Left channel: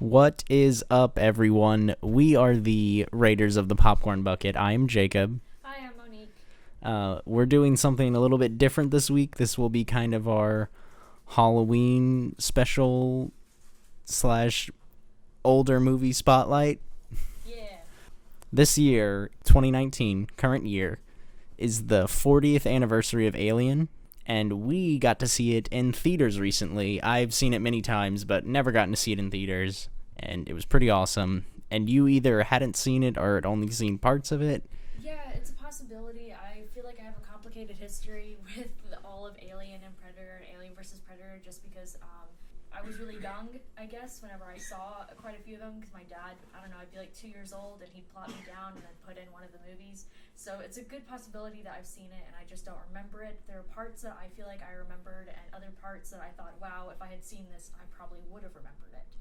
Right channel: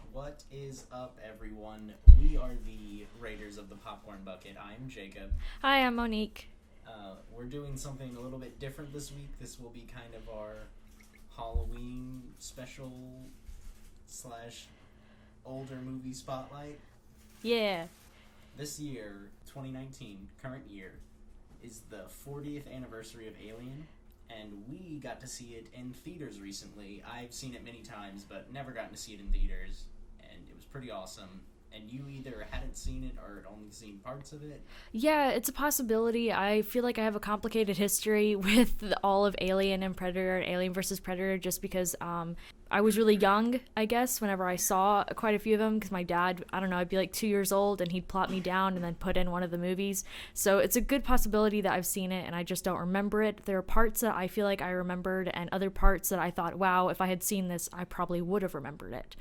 What is up, everyone? We are the Raiders of the Popcorn Bucket. I'm Jacob. Hi, I'm Monique. We're doing something a little bit different this week. This will be kind of our Halloween special slash older movie spotlight. Yeah. This year, 2019, current year, is the 40th anniversary of Alien, and we got to see it in theaters recently. I've seen it many times, but never gotten to see it in theaters, and it was pretty awesome. And you either hadn't seen it or had only seen parts of it. Yeah, it's a possibility. I feel like I have a complicated history with all of Alien and Predator and Alien versus Predator just because I was really young, I guess, whenever I saw quite a few of them because my dad, I don't know, I'd be like 2 years old and he'd plot me down and then put in one of the movies. So it's a good possibility that I've seen it and I just don't remember it. There are parts that I feel like I remembered and other parts that I thought, wow, if I had seen this, I probably would have remembered it.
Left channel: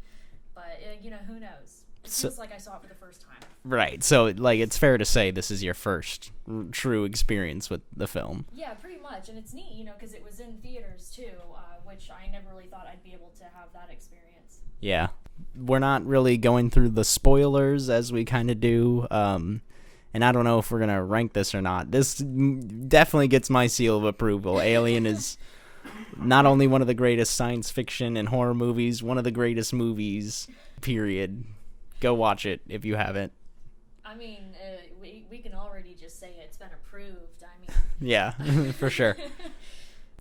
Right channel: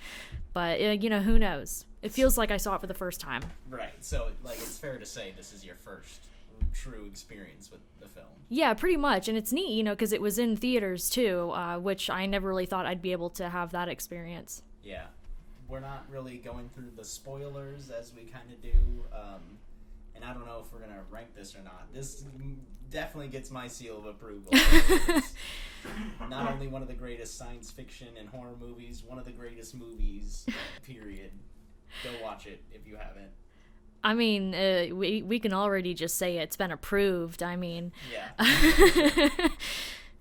But, who knows? It feels like I saw it for the first time. Right, so it's fair to say this is your first true experience with the film. Yeah, pretty much. And it's neat, because it was in theaters too, which I never really thought I'd be able to have that experience. Yeah. We're not really going through the spoilers as we kind of do. And I don't know if we're going to rank this or not. This definitely gets my seal of approval. Alien is not only one of the greatest science fiction and horror movies, one of the greatest movies, period. Go watch it if you haven't. I mean, we can already just say it's been approved. I mean, yeah, for sure.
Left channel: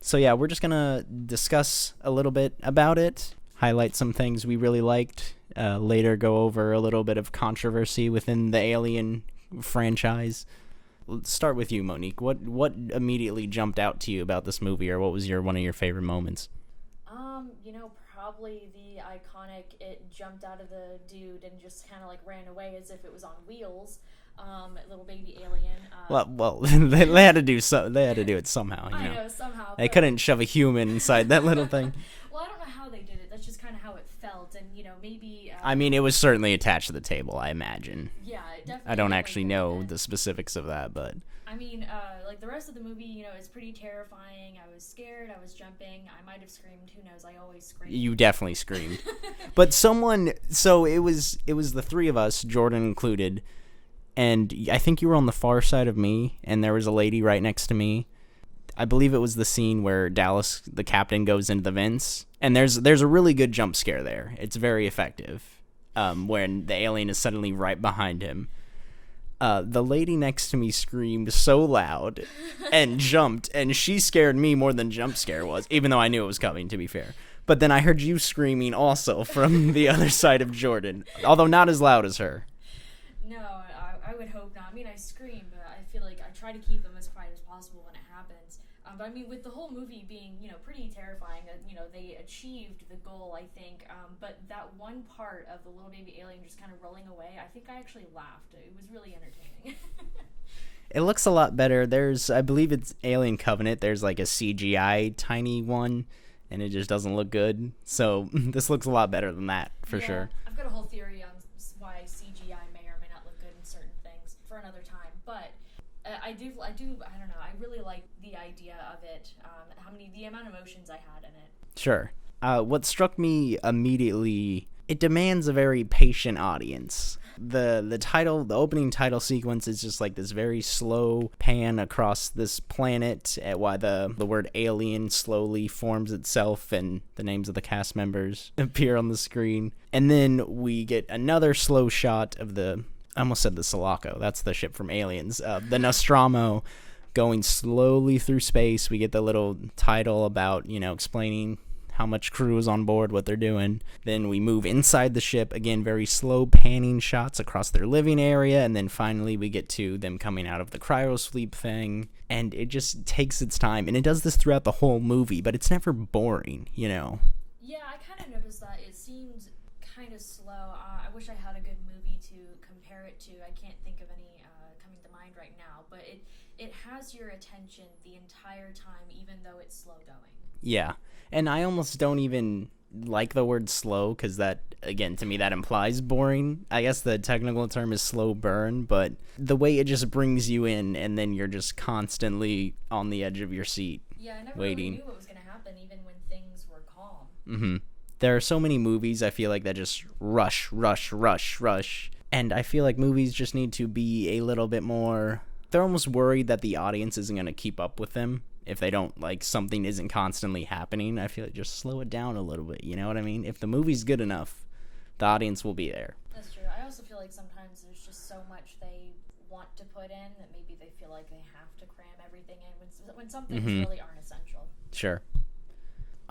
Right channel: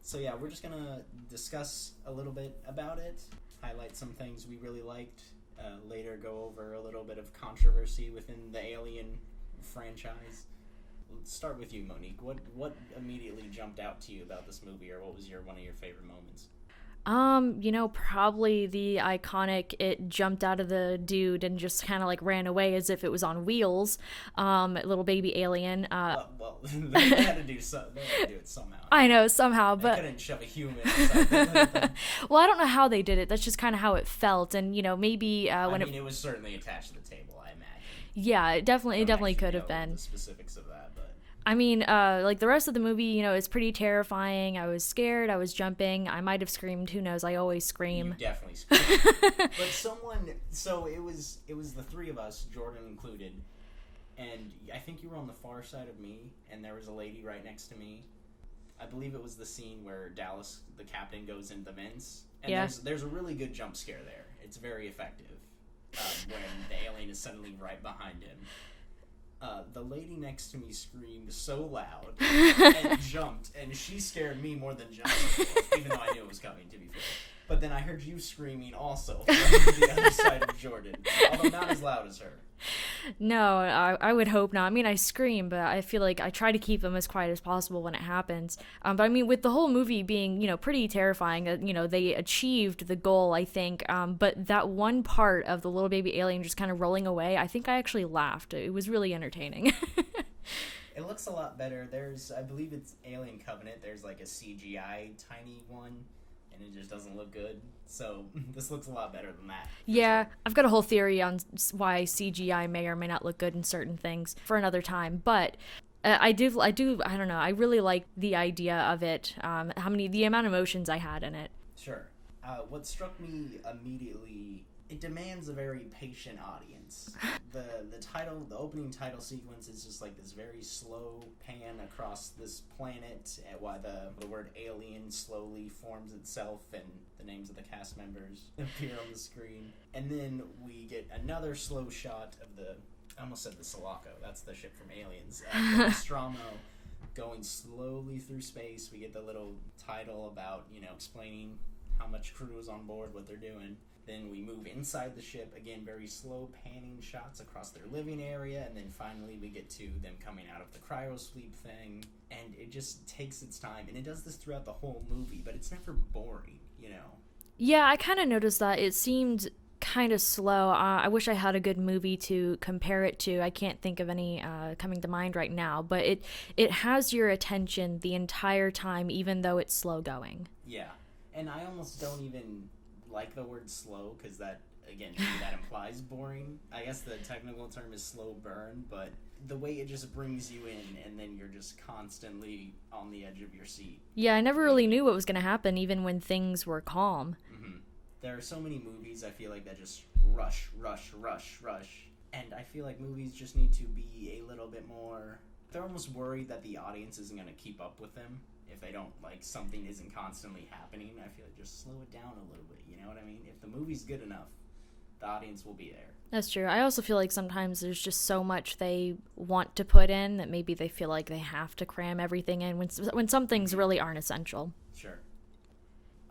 So yeah, we're just gonna discuss a little bit about it, highlight some things we really liked, later go over a little bit of controversy within the Alien franchise. Let's start with you, Monique. What immediately jumped out to you about this movie, or what was one of your favorite moments? Probably the iconic it jumped out of the dude and just kind of like ran away as if it was on wheels. Little baby alien. Well, they had to do They had to do it somehow. I know somehow. But they couldn't shove a human inside that little thing. Well, I don't know how they did it. That's just kind of how it felt, and maybe. It was certainly attached to the table, I imagine. Yeah, it definitely. I don't actually know the specifics of that, but. I mean, like the rest of the movie, is pretty terrifying. I was scared. I was jumping. I might have screamed. Who knows? I always scream. You definitely screamed. But so it was the three of us, Jordan included, and I think you were on the far side of me, and there was a lady right next to me. I believe it was the scene where Dallas, the captain, goes into the vents, and yeah. there's a really good jump scare there. It's very effective, when the alien is suddenly right behind him. The lady next to me screamed so loud and jumped, and she scared me more than jump scare was, even though I knew it was coming, to be fair. But then I heard you screaming also from the other side of Jordan, although not as loud as her. No, I would hope not. I mean, I scream, but I feel like I try to keep them as quiet as possible when it happens. But I mean, with the whole movie being, pretty terrifying, they achieved the goal, I think. But that one part of the little baby alien just kind of rolling away, I think I actually laughed. It was really entertaining. It looks a lot better. I believe it's Alien Covenant. There's like a CGI tiny one, and it just doesn't look good. So this looks a lot better than that, for sure. I've got a whole theory on why CGI may or may not look good in certain things for another time. But I don't know. I really like the idea of it, the amount of emotions I had in it. Sure. What struck me immediately, it demands a very patient audience. The opening title sequence is just like this very slow pan across this planet while the word alien slowly forms itself and the names of the cast members appear on the screen. And then we get another slow shot of I almost said the Sulaco. That's the ship from Aliens. The Nostromo going slowly through space. We get the little title about, explaining how much crew is on board, what they're doing. Then we move inside the ship, again, very slow panning shots across their living area, and then finally we get to them coming out of the cryosleep thing, and it just takes its time, and it does this throughout the whole movie, but it's never boring, Yeah, I kind of noticed that. It seemed kind of slow. I wish I had a good movie to compare it to. I can't think of any coming to mind right now, but it has your attention the entire time, even though it's slow going. Yeah. And I almost don't even like the word slow because that, again, to me, that implies boring. I guess the technical term is slow burn, but the way it just brings you in and then you're just constantly on the edge of your seat. Yeah, I never really knew what was going to happen even when things were calm. Mm-hmm. There are so many movies I feel like that just rush, rush, rush, rush. And I feel like movies just need to be a little bit more... They're almost worried that the audience isn't going to keep up with them if they don't, like, something isn't constantly happening. I feel like just slow it down a little bit, you know what I mean? If the movie's good enough, the audience will be there. That's true. I also feel like sometimes there's just so much they want to put in that maybe they feel like they have to cram everything in when some things really aren't essential. Sure.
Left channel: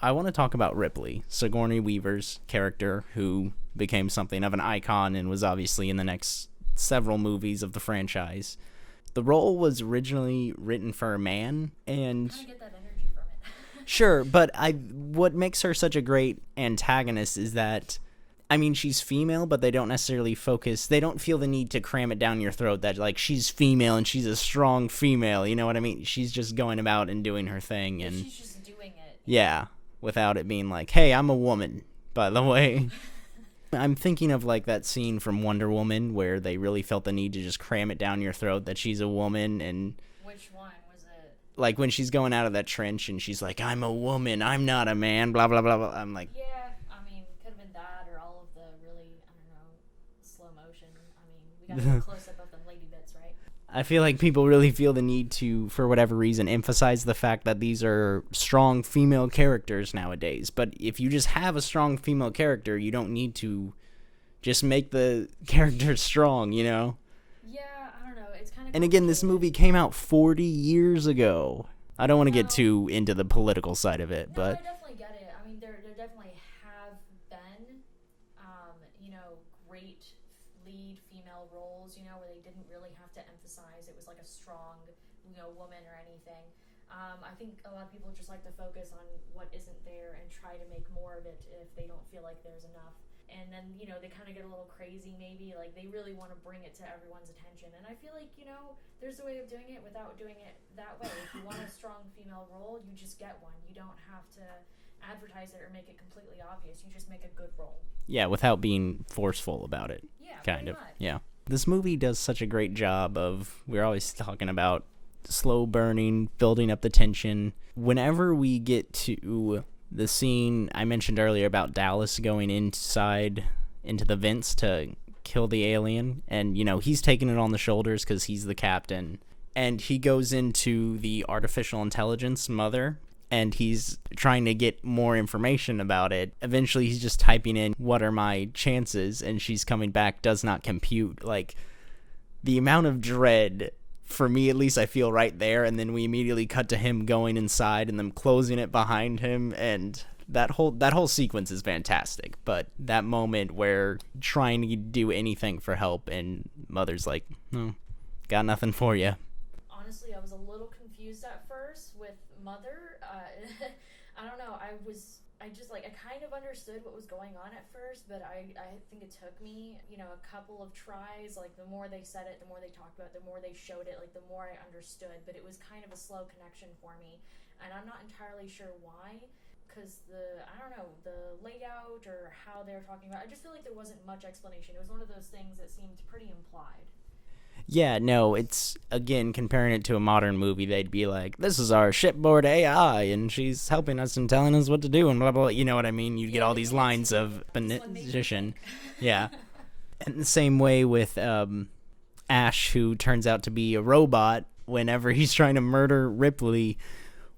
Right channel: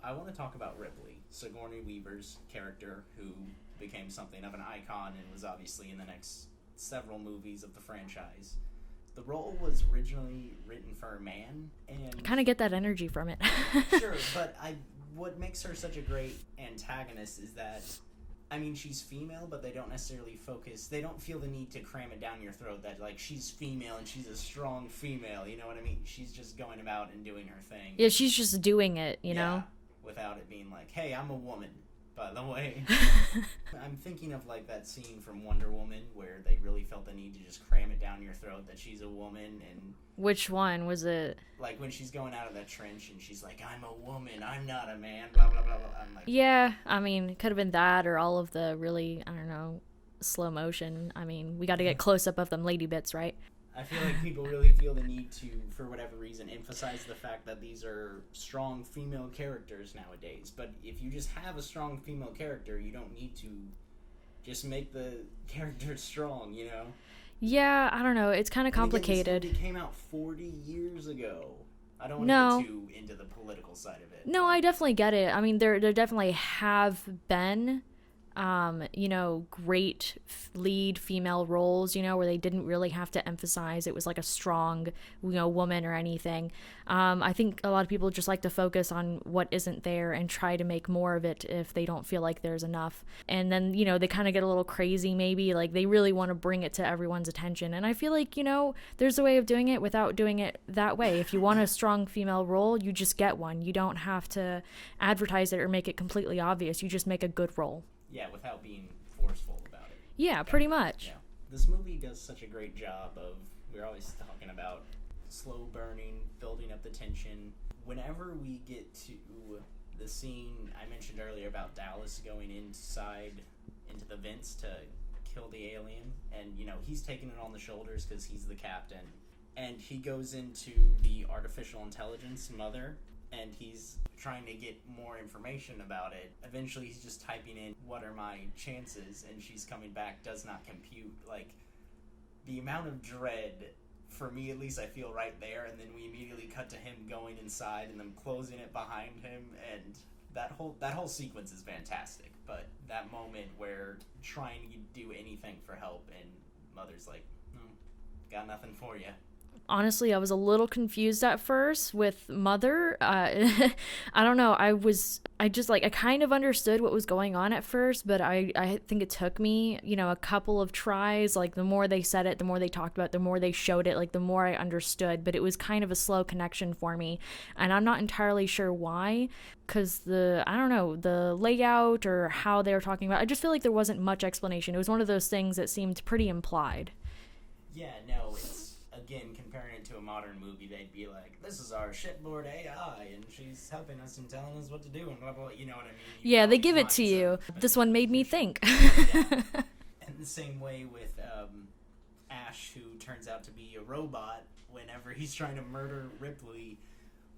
I want to talk about Ripley, Sigourney Weaver's character, who became something of an icon and was obviously in the next several movies of the franchise. The role was originally written for a man, and... Kind of get that energy from it. Sure, but what makes her such a great antagonist is that, I mean, she's female, but they don't necessarily focus... They don't feel the need to cram it down your throat that, like, she's female and she's a strong female, you know what I mean? She's just going about and doing her thing. Yeah, and, she's just doing it, you know? Without it being like, hey, I'm a woman, by the way. I'm thinking of, like, that scene from Wonder Woman where they really felt the need to just cram it down your throat that she's a woman. And which one was it? Like, when she's going out of that trench and she's like, I'm a woman, I'm not a man, blah, blah, blah, blah. I'm like... Yeah, I mean, it could have been that or all of the really, I don't know, slow motion. I mean, we got to get close-up of them lady bits, right? I feel like people really feel the need to, for whatever reason, emphasize the fact that these are strong female characters nowadays. But if you just have a strong female character, you don't need to just make the character strong, you know? Yeah, I don't know. It's kind of complicated. And again, this movie came out 40 years ago. I don't want to get too into the political side of it. No, I definitely get it. I mean, there definitely have been... you know, great lead female roles, you know, where they didn't really have to emphasize it was like a strong, you know, woman or anything. I think a lot of people just like to focus on what isn't there and try to make more of it if they don't feel like there's enough. And then, you know, they kind of get a little crazy maybe, like they really want to bring it to everyone's attention. And I feel like, you know, there's a way of doing it without doing it that way. If you want a strong female role, you just get one. You don't have to advertise it or make it completely obvious. You just make a good role. Yeah, without being forceful about it. Yeah, pretty much. Yeah. This movie does such a great job of, we're always talking about slow burning, building up the tension. Whenever we get to the scene I mentioned earlier about Dallas going inside into the vents to kill the alien, and, you know, he's taking it on the shoulders because he's the captain, and he goes into the artificial intelligence mother, and he's trying to get more information about it. Eventually, he's just typing in, what are my chances? And she's coming back, does not compute. Like, the amount of dread, for me at least, I feel right there. And then we immediately cut to him going inside and them closing it behind him. And that whole sequence is fantastic. But that moment where trying to do anything for help and Mother's like, no, got nothing for you. Honestly, I was a little confused at first with Mother. I don't know. I kind of understood what was going on at first, but I think it took me, you know, a couple of tries. Like, the more they said it, the more they talked about it, the more they showed it, like, the more I understood. But it was kind of a slow connection for me. And I'm not entirely sure why, because I don't know, the layout or how they were talking about it, I just feel like there wasn't much explanation. It was one of those things that seemed pretty implied. Yeah, no, it's, again, comparing it to a modern movie, they'd be like, this is our shipboard AI, and she's helping us and telling us what to do, and blah, blah, blah. You know what I mean? You get all they these give it lines to you. of This one made me think. Yeah. And the same way with Ash, who turns out to be a robot whenever he's trying to murder Ripley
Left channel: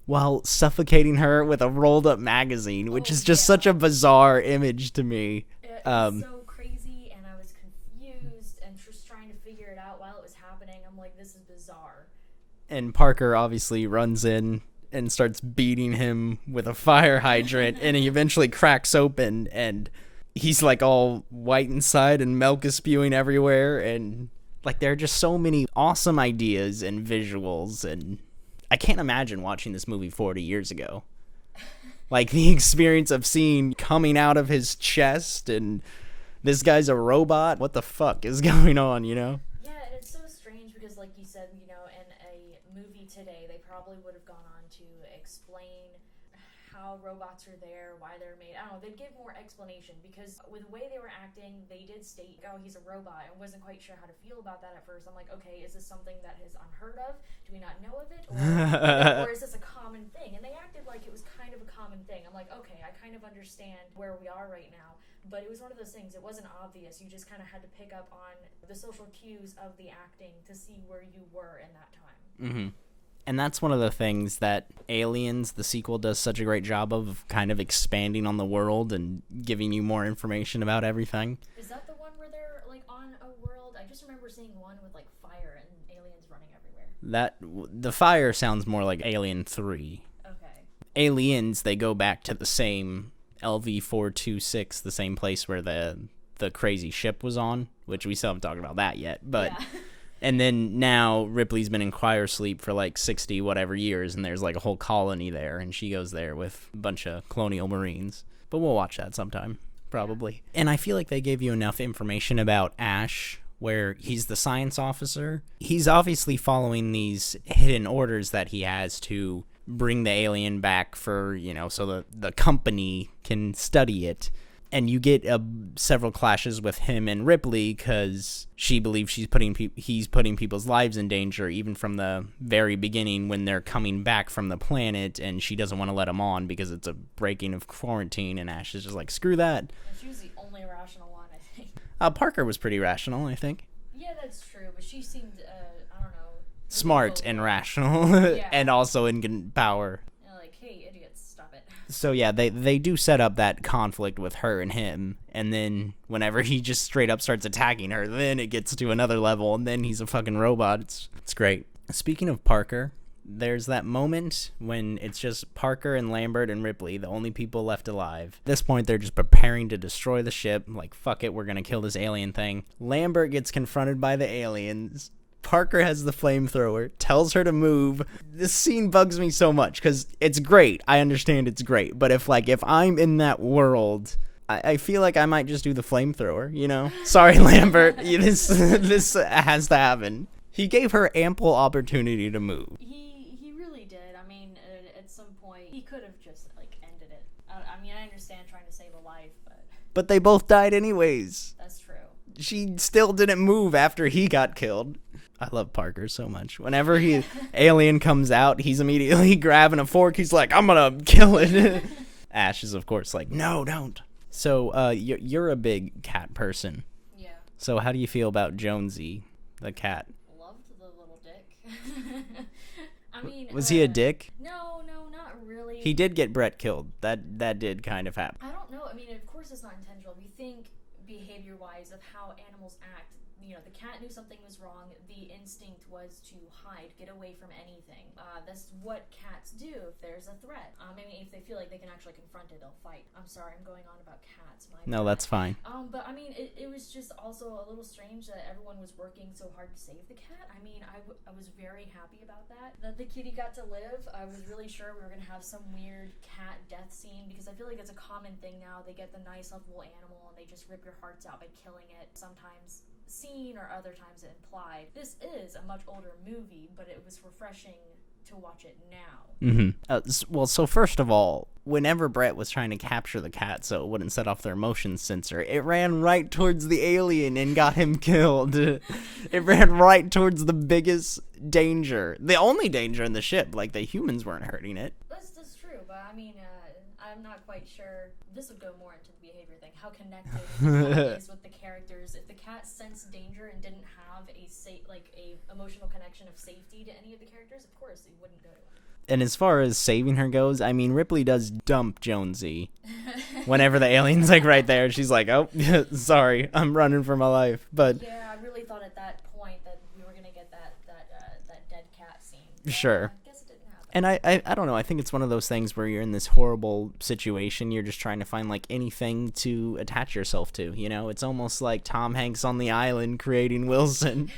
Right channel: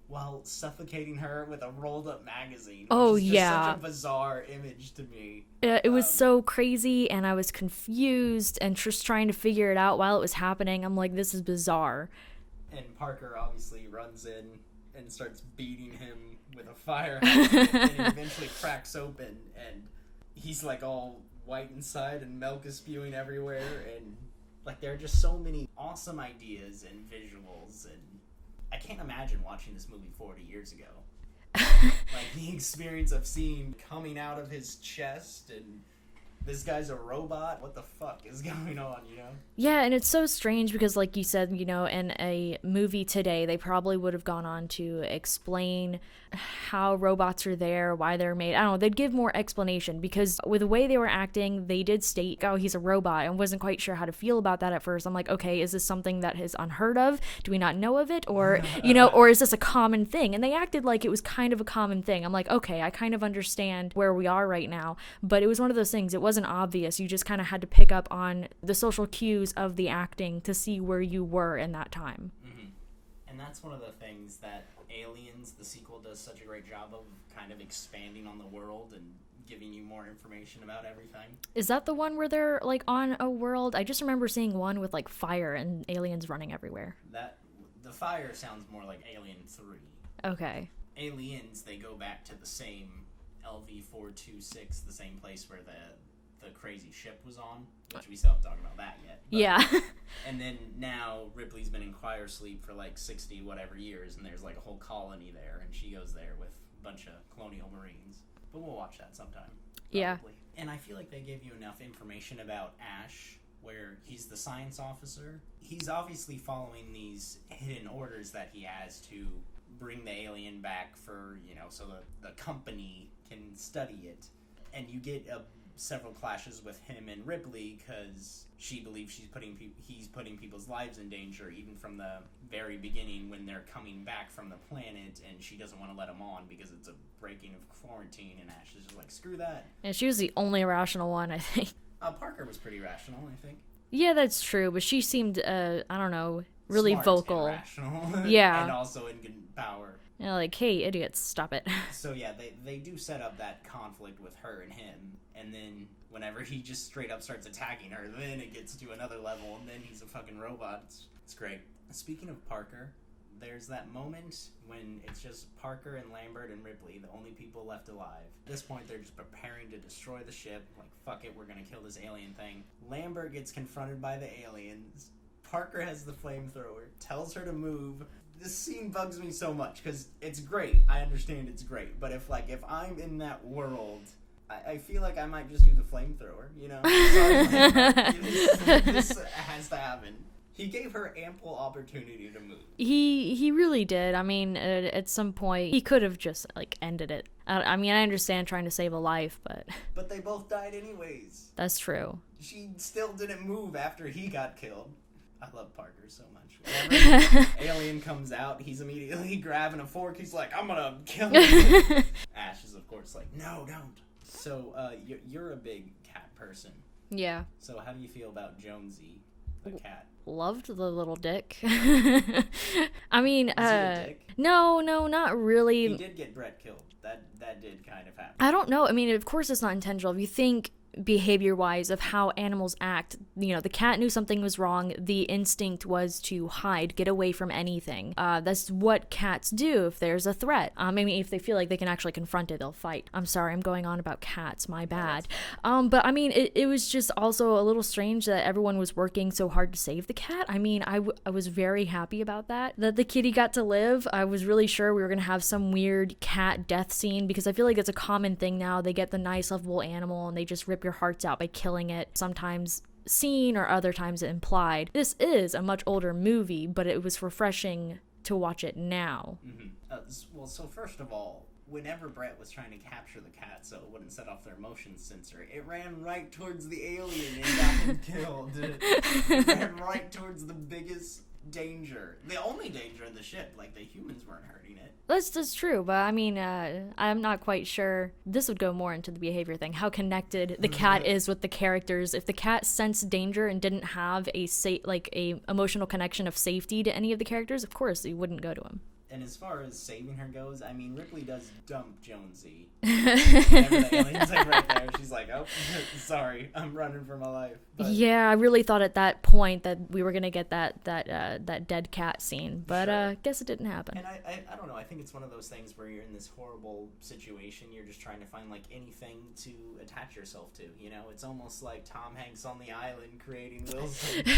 while suffocating her with a rolled-up magazine, which is just such a bizarre image to me. It was so crazy, and I was confused and just trying to figure it out while it was happening. I'm like, this is bizarre. And Parker obviously runs in and starts beating him with a fire hydrant, and he eventually cracks open, and he's, like, all white inside, and milk is spewing everywhere, and, like, there are just so many awesome ideas and visuals, and I can't imagine watching this movie 40 years ago. Like, the experience of seeing coming out of his chest and this guy's a robot. What the fuck is going on, you know? Yeah, and it's so strange because, like you said, you know, in a movie today, they probably would have gone on to explain how robots are there, why they're made. I don't know, they'd give more explanation, because with the way they were acting, they did state, oh, he's a robot. I wasn't quite sure how to feel about that at first. I'm like, okay, is this something that is unheard of? Do we not know of it? Or, or is this a common thing? And they acted like it was kind of a common thing. I'm like, okay, I kind of understand where we are right now. But it was one of those things, it wasn't obvious. You just kind of had to pick up on the social cues of the acting to see where you were in that time. Mm-hmm. And that's one of the things that Aliens, the sequel, does such a great job of, kind of expanding on the world and giving you more information about everything. Is that the one where they're, like, on a world? I just remember seeing one with, like, fire and aliens running everywhere. The fire sounds more like Alien 3. Okay. Aliens, they go back to the same LV-426, the same place where the crazy ship was on, which we still haven't talked about that yet. But yeah. And then now Ripley's been in cryosleep for like 60 whatever years, and there's like a whole colony there, and she goes there with a bunch of colonial marines. But we'll watch that sometime, probably. Yeah. And I feel like they gave you enough information about Ash, where he's the science officer. He's obviously following these hidden orders that he has to bring the alien back for, so the company can study it. And you get several clashes with him and Ripley because she believes he's putting people's lives in danger, even from the very beginning when they're coming back from the planet, and she doesn't want to let him on because it's a breaking of quarantine, and Ash is just like, screw that. And she was the only rational one, I think. Parker was pretty rational, I think. Yeah, that's true, but she seemed, I don't know, really smart vocal. And rational. Yeah. And also in power. Like, hey, idiots, stop it. So yeah, they do set up that conflict with her and him, and then whenever he just straight up starts attacking her, then it gets to another level, and then he's a fucking robot. It's great. Speaking of Parker, there's that moment when it's just Parker and Lambert and Ripley, the only people left alive. At this point, they're just preparing to destroy the ship. Like, fuck it, we're gonna kill this alien thing. Lambert gets confronted by the aliens. Parker has the flamethrower, tells her to move. This scene bugs me so much because it's great. I understand it's great. But if I'm in that world, I feel like I might just do the flamethrower, Sorry, Lambert. This has to happen. He gave her ample opportunity to move. He really did. I mean, at some point, he could have just, ended it. I mean, I understand trying to save a life, but... But they both died anyways. That's true. She still didn't move after he got killed. I love Parker so much. Whenever alien comes out, he's immediately grabbing a fork. He's like, I'm gonna kill it. Ash is, of course, like, no, don't. So, you're a big cat person. Yeah. So how do you feel about Jonesy, the cat? Loved the little dick. I mean... Was he a dick? No, not really. He did get Brett killed. That did kind of happen. I don't know. I mean, of course it's not intentional. If you think... behavior-wise of how animals act, the cat knew something was wrong. The instinct was to hide, get away from anything. That's what cats do if there's a threat. I mean, if they feel like they can actually confront it, they'll fight. I'm sorry, I'm going on about cats, my bad. No, that's fine. But I mean, it was just also a little strange that everyone was working so hard to save the cat. I mean, I was very happy about that the kitty got to live. I was really sure we were gonna have some weird cat death scene, because I feel like it's a common thing now. They get the nice lovable animal and they just rip your hearts out by killing it, sometimes seen or other times implied. This is a much older movie, but it was refreshing to watch it now. Well, so first of all, whenever Brett was trying to capture the cat so it wouldn't set off their motion sensor, it ran right towards the alien and got him killed. It ran right towards the biggest danger, the only danger in the ship. Like, the humans weren't hurting it. That's true, but I mean, I'm not quite sure. This would go more into the behavior thing, how connected the cat is with the characters. If the cat sensed danger and didn't have a emotional connection of safety to any of the characters, of course you wouldn't go to him. And as far as saving her goes, I mean, Ripley does dump Jonesy whenever the alien's like right there. She's like, oh, sorry, I'm running for my life. But yeah, I really thought at that point that we were gonna get that dead cat scene, but sure. Guess it didn't happen. And I don't know. I think it's one of those things where you're in this horrible situation. You're just trying to find like anything to attach yourself to. It's almost like Tom Hanks on the island creating Wilson.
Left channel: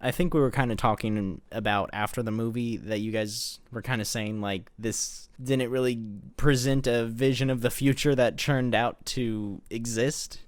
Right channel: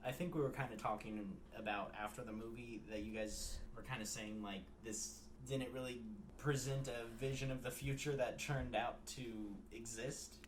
I think we were kind of talking about after the movie that you guys were kind of saying like this didn't really present a vision of the future that turned out to exist.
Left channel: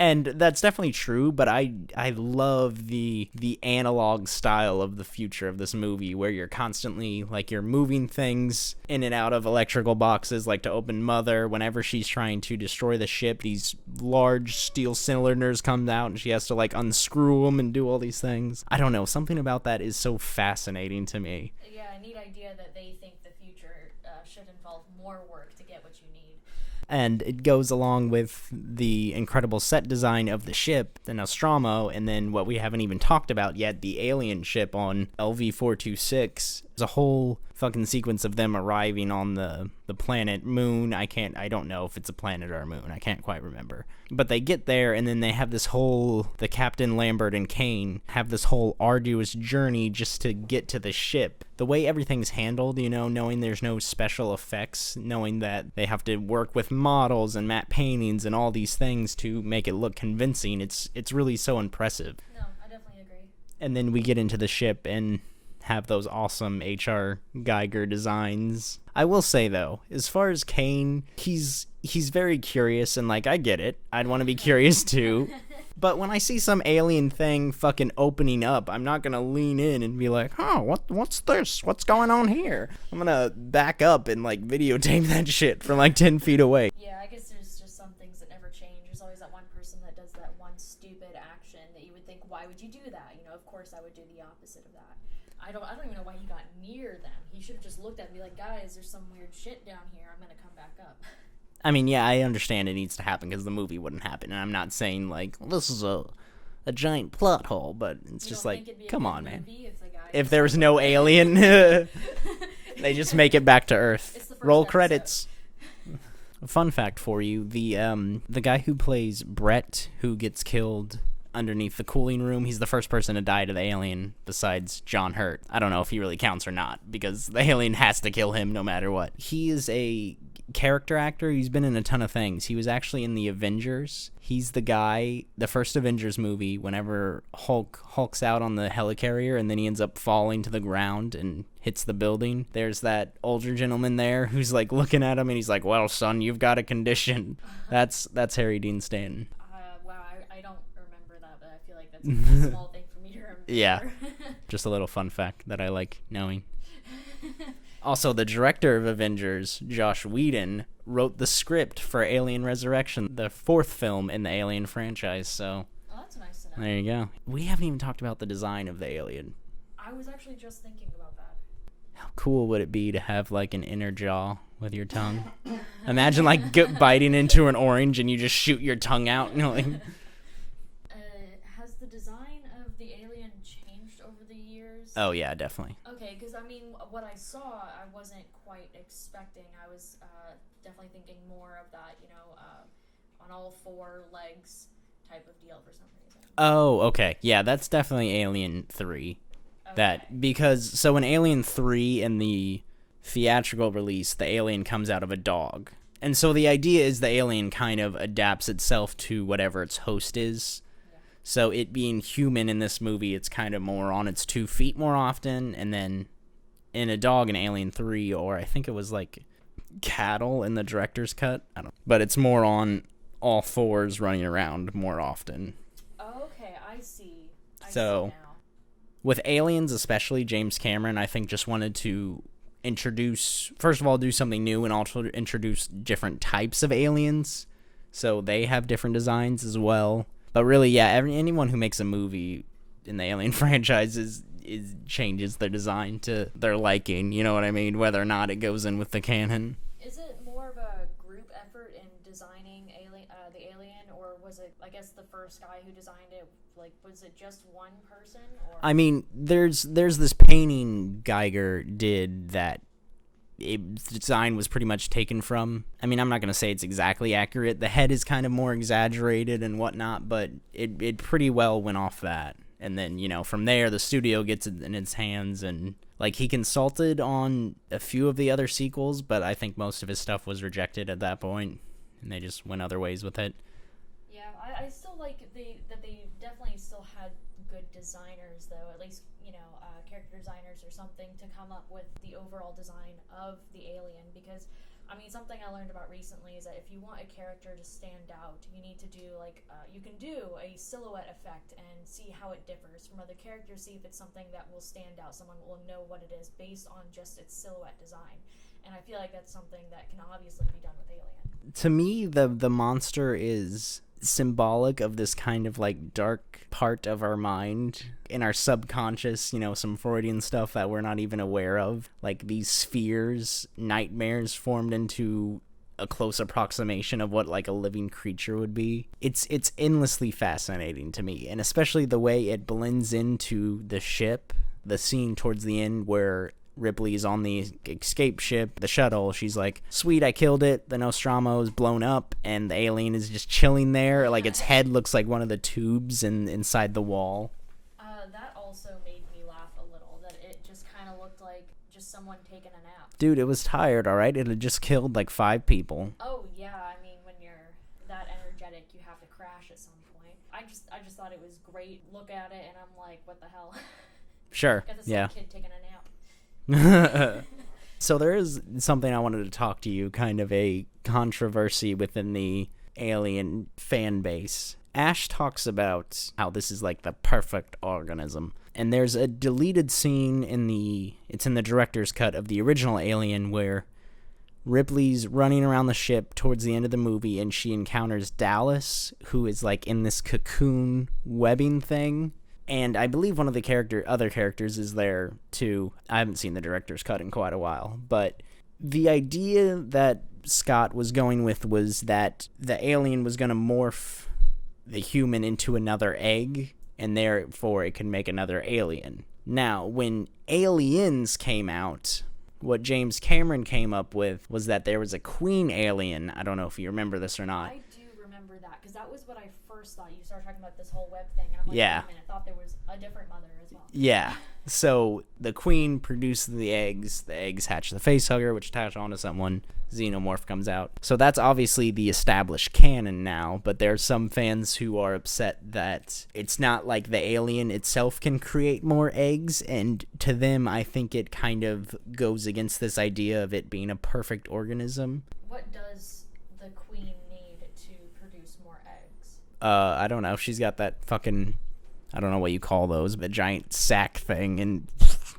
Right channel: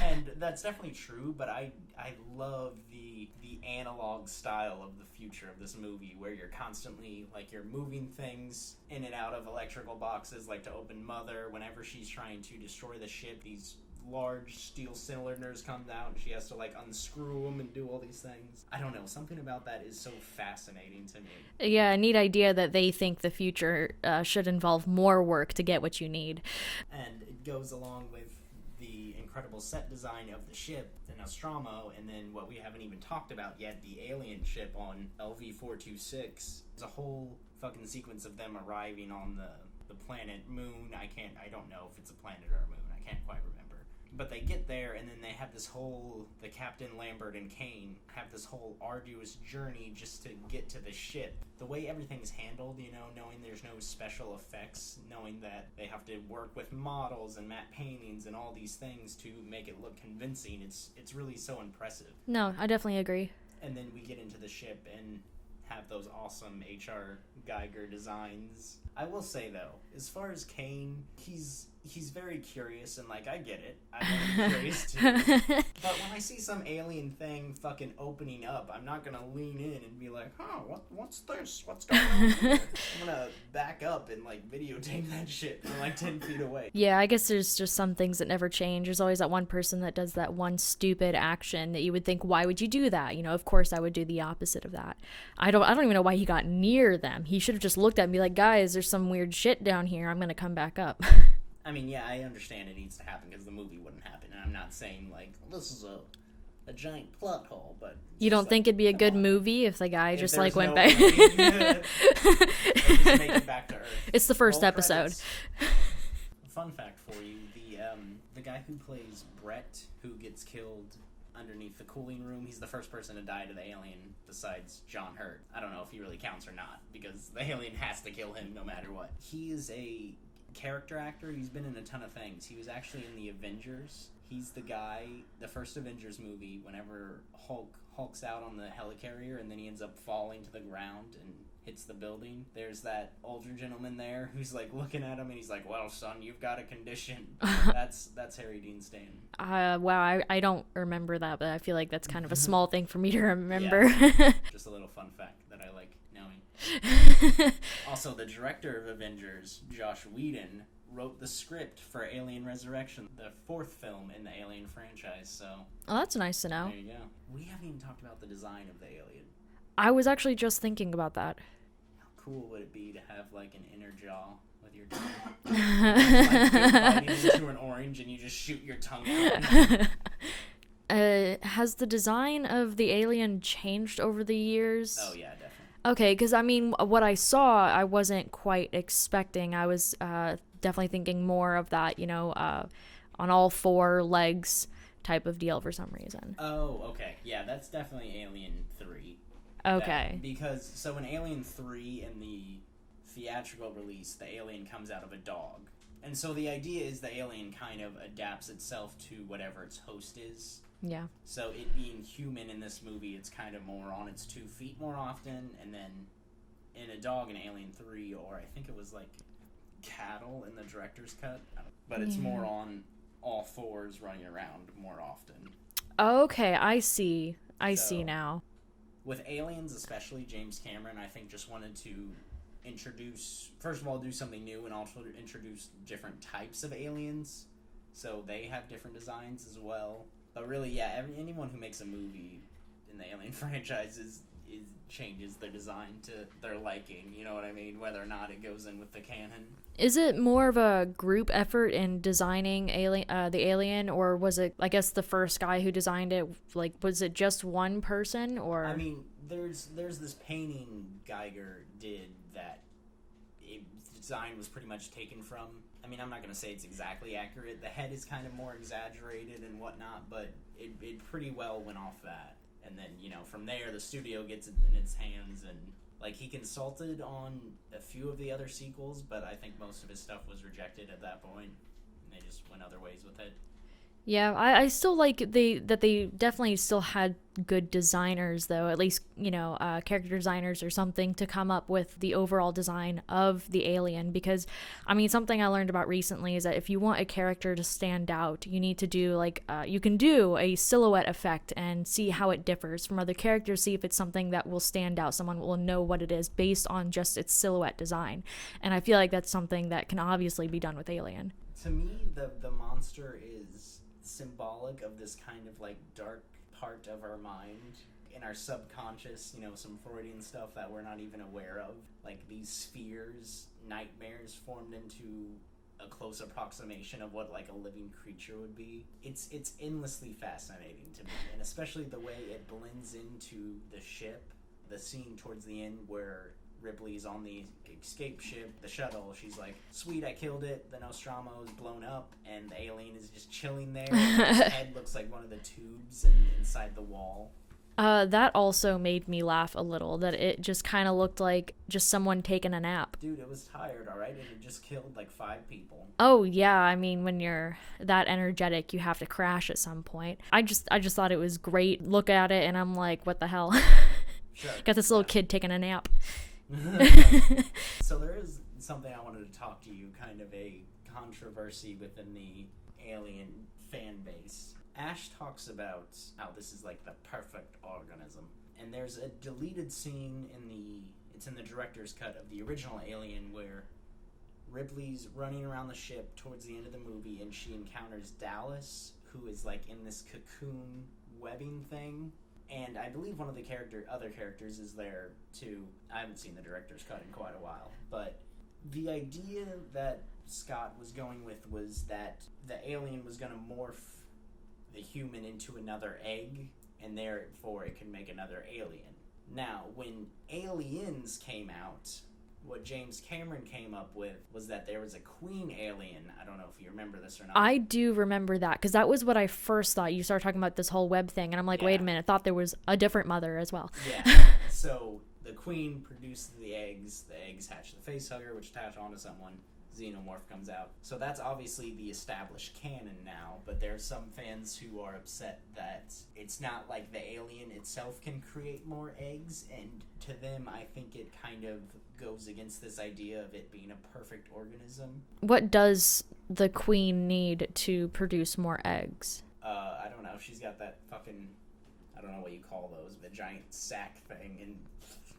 And that's definitely true, but I love the analog style of the future of this movie, where you're constantly, like, you're moving things in and out of electrical boxes, like to open Mother. Whenever she's trying to destroy the ship, these large steel cylinders come out and she has to, like, unscrew them and do all these things. I don't know, something about that is so fascinating to me. Yeah, neat idea that they think the future should involve more work to get what you need. And it goes along with the incredible set design of the ship, the Nostromo, and then what we haven't even talked about yet, the alien ship on LV-426. There's a whole fucking sequence of them arriving on the planet Moon. I don't know if it's a planet or a moon. I can't quite remember. But they get there, and then they have this whole, the Captain Lambert and Kane have this whole arduous journey just to get to the ship. The way everything's handled, you know, knowing there's no special effects, knowing that they have to work with models and matte paintings and all these things to make it look convincing, it's really so impressive. No, I definitely agree. And then we get into the ship and have those awesome H.R. Geiger designs. I will say, though, as far as Kane, he's very curious, and, like, I get it. I'd want to be curious, too. But when I see some alien thing fucking opening up, I'm not going to lean in and be like, oh, what's this? What's going on here? I'm going to back up and, like, videotape that shit from, like, 10 feet away. Yeah, I guess there's just some things that never change. There's always that one person that does that one stupid action that you would think, why would you do that? You know, of course I would do the opposite of that. I don't even know why he got near them. He should have just looked at and be like, guys, there's some weird shit down here. I'm going to come back up. I mean, yeah, I understand it needs to happen because the movie wouldn't happen, and I'm not saying, like, well, this is a giant plot hole, but it's you just don't think like, it'd be a come good on, movie if the guy if just, there's like, no went back? alien, they just make it back to Earth. It's the first Roll episode. Credits. Fun fact for you: the guy who plays Brett, who gets killed underneath the cooling room, he's the first person to die to the alien besides John Hurt. I don't know if he really counts or not, because the alien has to kill him no matter what. He is a character actor. He's been in a ton of things. He was actually in the Avengers. He's the guy, the first Avengers movie, whenever Hulk's out on the helicarrier and then he ends up falling to the ground and hits the building. There's that older gentleman there who's, like, looking at him and he's like, well, son, you've got a condition. That's Harry Dean Stanton. Wow, I don't remember that, but I feel like that's kind of a small thing for me to remember. Yeah. Just a little fun fact that I like knowing. Also, the director of Avengers, Joss Whedon, wrote the script for Alien Resurrection, the fourth film in the Alien franchise, so... Oh, that's nice to know. There you go. We haven't even talked about the design of the alien. I was actually just thinking about that. How cool would it be to have, like, an inner jaw with your tongue? Imagine, like, biting into an orange and you just shoot your tongue out. You know, like... Has the design of the alien changed over the years? Oh, yeah, definitely. Okay, because, I mean, what I saw, I wasn't quite expecting. I was definitely thinking more of that, you know, on all four legs type of deal for some reason. Oh, okay. Yeah, that's definitely Alien 3. Okay. Because, so in Alien 3, in the theatrical release, the alien comes out of a dog. And so the idea is the alien kind of adapts itself to whatever its host is. Yeah. So it being human in this movie, it's kind of more on its 2 feet more often. And then in a dog in Alien 3, or I think it was like cattle in the director's cut. I don't. But it's more on all fours running around more often. Okay, I see. I see now. With Aliens especially, James Cameron, I think, just wanted to introduce, first of all, do something new and also introduce different types of aliens. So they have different designs as well. But really, yeah, anyone who makes a movie in the Alien franchise changes their design to their liking, you know what I mean? Whether or not it goes in with the canon. Is it more of a group effort in designing the alien, or was it, I guess, the first guy who designed it, like, was it just one person, or? I mean, there's this painting Geiger did that the design was pretty much taken from. I mean, I'm not going to say it's exactly accurate. The head is kind of more exaggerated and whatnot, but it pretty well went off that. And then, you know, from there, the studio gets it in its hands, and, like, he consulted on a few of the other sequels, but I think most of his stuff was rejected at that point, and they just went other ways with it. Yeah, I still like that they definitely still had good designers, though, at least, character designers or something, to come up with the overall design of the alien. Because, I mean, something I learned about recently is that if you want a character to stand out, you need to do, you can do a silhouette effect and see how it differs from other characters, see if it's something that will stand out. Someone will know what it is based on just its silhouette design. And I feel like that's something that can obviously be done with Alien. To me, the monster is symbolic of this kind of like dark part of our mind, in our subconscious, some Freudian stuff that we're not even aware of, like these spheres, nightmares formed into a close approximation of what like a living creature would be. It's endlessly fascinating to me, and especially the way it blends into the ship. The scene towards the end where Ripley's on the escape ship, the shuttle, she's like, sweet, I killed it, the Nostromo is blown up, and the alien is just chilling there, like its head looks like one of the tubes inside the wall. That also made me laugh a little, that it just kind of looked like just someone taking a nap. Dude, it was tired, alright? It had just killed like 5 people. Oh yeah, I mean, when you're that energetic, you have to crash at some point. I just thought it was great. Look at it and I'm like, what the hell? Sure. Got this little kid taking a nap. So there is something I wanted to talk to you, kind of a controversy within the Alien fan base. Ash talks about how this is like the perfect organism, and there's a deleted scene in the director's cut of the original Alien where Ripley's running around the ship towards the end of the movie, and she encounters Dallas, who is like in this cocoon webbing thing. And I believe one of the other characters is there too. I haven't seen the director's cut in quite a while, but the idea that Scott was going with was that the alien was going to morph the human into another egg, and therefore it could make another alien. Now, when Aliens came out, what James Cameron came up with was that there was a queen alien. I don't know if you remember this or not. I do remember that, because that was what I first thought. You started talking about this whole web thing, and I'm like, wait a minute, I thought there was a different mother as well. Yeah. So the queen produced the eggs hatch the facehugger, which attach onto someone. Xenomorph comes out. So that's obviously the established canon now, but there's some fans who are upset that it's not like the alien itself can create more eggs, and to them I think it kind of goes against this idea of it being a perfect organism. What does the queen need to produce more eggs? I don't know. She's got that fucking, I don't know what you call those, but giant sack thing, and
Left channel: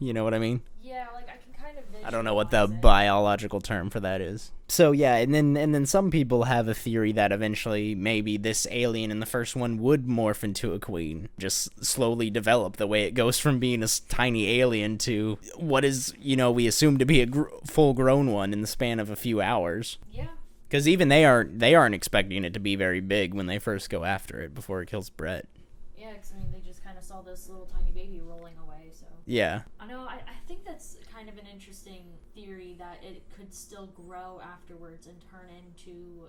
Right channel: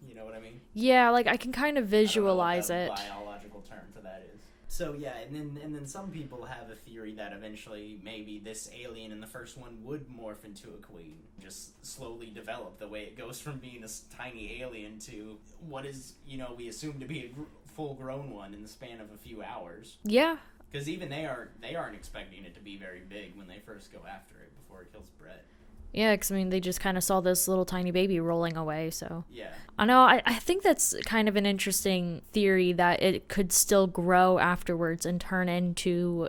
you know what I mean? Yeah, like I can kind of visualize it. I don't know what the biological term for that is. So yeah, and then some people have a theory that eventually maybe this alien in the first one would morph into a queen, just slowly develop the way it goes from being a tiny alien to what is, we assume to be a full-grown one in the span of a few hours. Yeah. Because even they aren't expecting it to be very big when they first go after it before it kills Brett. Yeah, because, I mean, they just kind of saw this little tiny baby rolling away, so... Yeah. I know, I think that's kind of an interesting theory, that it could still grow afterwards and turn into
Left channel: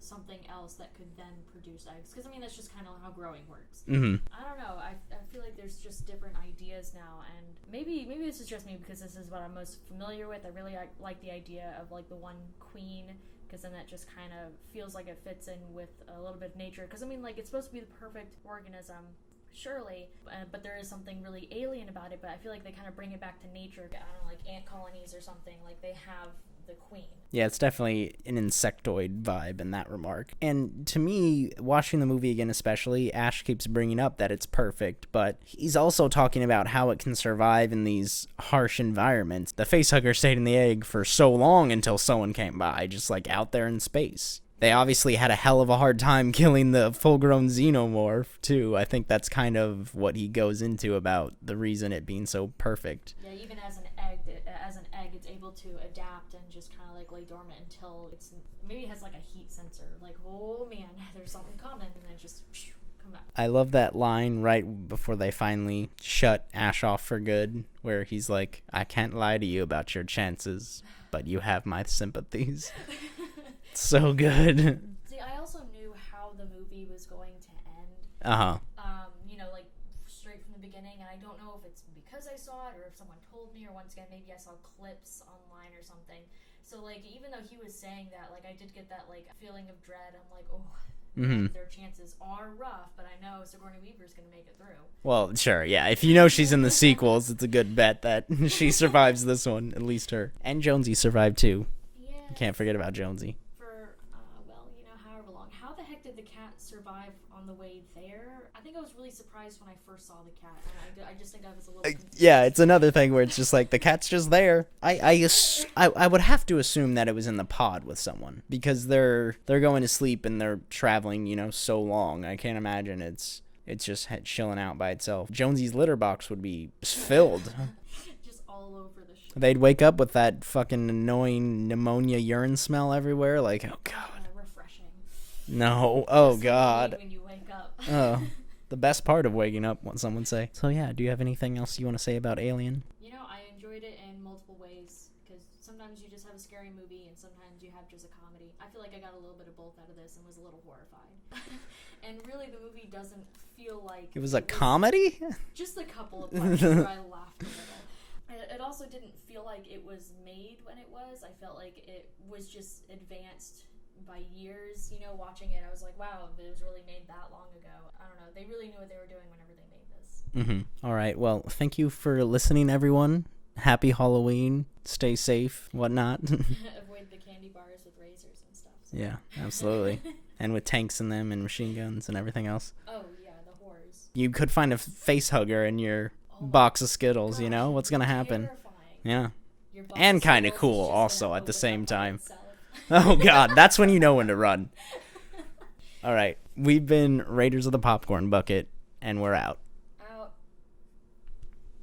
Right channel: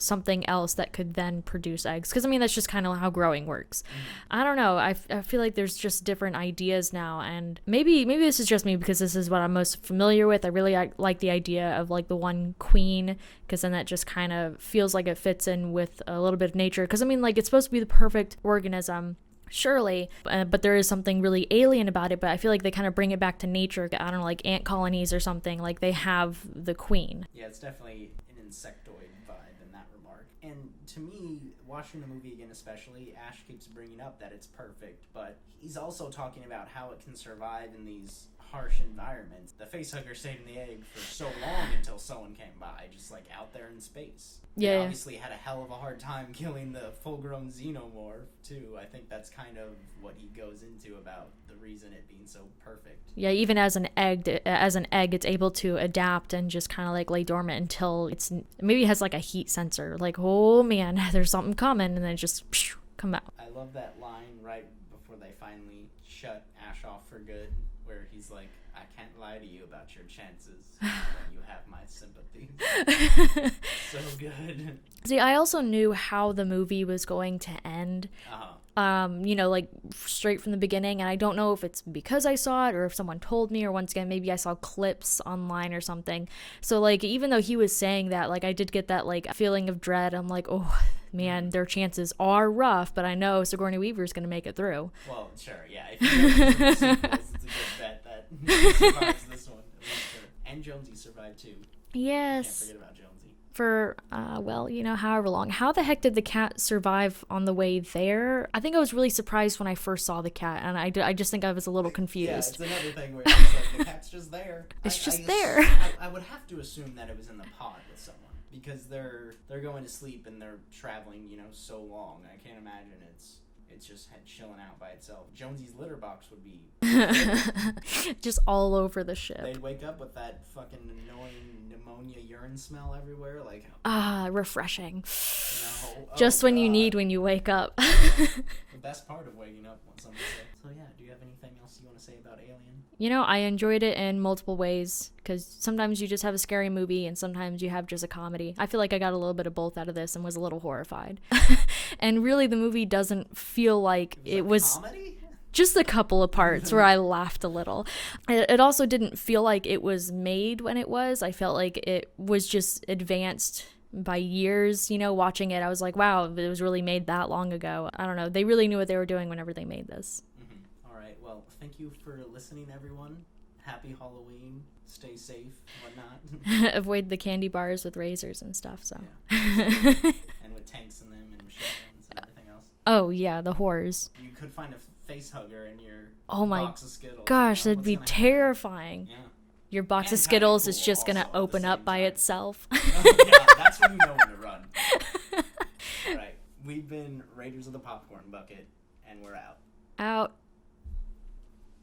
something else that could then produce eggs. Because, I mean, that's just kind of how growing works. Mm-hmm. I don't know, I feel like there's just different ideas now, and maybe this is just me because this is what I'm most familiar with. I really like the idea of, like, the one queen, because then that just kind of feels like it fits in with a little bit of nature. Because, I mean, like, it's supposed to be the perfect organism, surely, but there is something really alien about it. But I feel like they kind of bring it back to nature. I don't know, like ant colonies or something. Like, they have the queen. Yeah, it's definitely an insectoid vibe in that remark. And to me, watching the movie again especially, Ash keeps bringing up that it's perfect, but he's also talking about how it can survive in these harsh environments. The facehugger stayed in the egg for so long until someone came by, just like out there in space. They obviously had a hell of a hard time killing the full-grown xenomorph, too. I think that's kind of what he goes into about the reason it being so perfect. Yeah, even as an egg, it's able to adapt and just kind of like lay dormant until maybe it has like a heat sensor. Like, oh man, there's something coming, and then it just come out. I love that line right before they finally shut Ash off for good, where he's like, I can't lie to you about your chances, but you have my sympathies. So good. See, I also knew how the movie was going to end. Like straight from the beginning, and I don't know if it's because I saw it or if someone told me, or once again maybe I saw clips online or something. So like, even though he was saying that, like, I did get that like feeling of dread. I'm like, oh, man, their chances are rough, but I know Sigourney Weaver's going to make it through. Well, sure, yeah. If you know she's in the sequels, it's a good bet that she survives this one, at least her. And Jonesy survived too. Yes. Can't forget about Jonesy. For, however long. How the heck did the cat survive on the way there? I think I was really surprised when I first saw the cat, and I just think I was a little confused. Yeah, it's another thing where it's just like, the cat's just there. There. I would have to assume that it was in the pod with someone, because they're going to sleep and they're traveling, so long. I can't imagine it's just chilling out by itself. Jonesy's litter box would be filled. Just all over the ship. They'd wake up with that fucking annoying pneumonia urine smell everywhere. Like, refreshing. No. Oh, just when God. you need when you wake up. The best part of waking up, what someone say. So yeah, do you have anything else you want to say about Alien? I enjoyed it in multiple ways, because sometimes you just have a scary movie and sometimes you have just a comedy. I feel like I got a little bit of both out of this and was a little horrified. And really, the movie doesn't feel like it was comedy? Just a couple of parts where I laughed a little. It also didn't feel like it was made when it was. I felt like it was just advanced by years. Watching it, I was like, wow, it was really made that long ago. I don't know. They really knew what they were doing whenever they made this. All right. Well, thank you for listening, everyone. Happy Halloween. Stay safe, whatnot. Avoid the candy bars with razors and stuff. So. Yeah, absolutely. And with tanks in them and machine guns and everything else. Oh, yeah, the horrors. You could find a face hugger in your box of Skittles. Gosh, what's going to happen? Terrifying. Yeah. Your box of Skittles cool is just going to open up by time. itself. Oh, God. That's when you know when to run. All right. We've been Raiders of the Popcorn Bucket, and we're out. Out.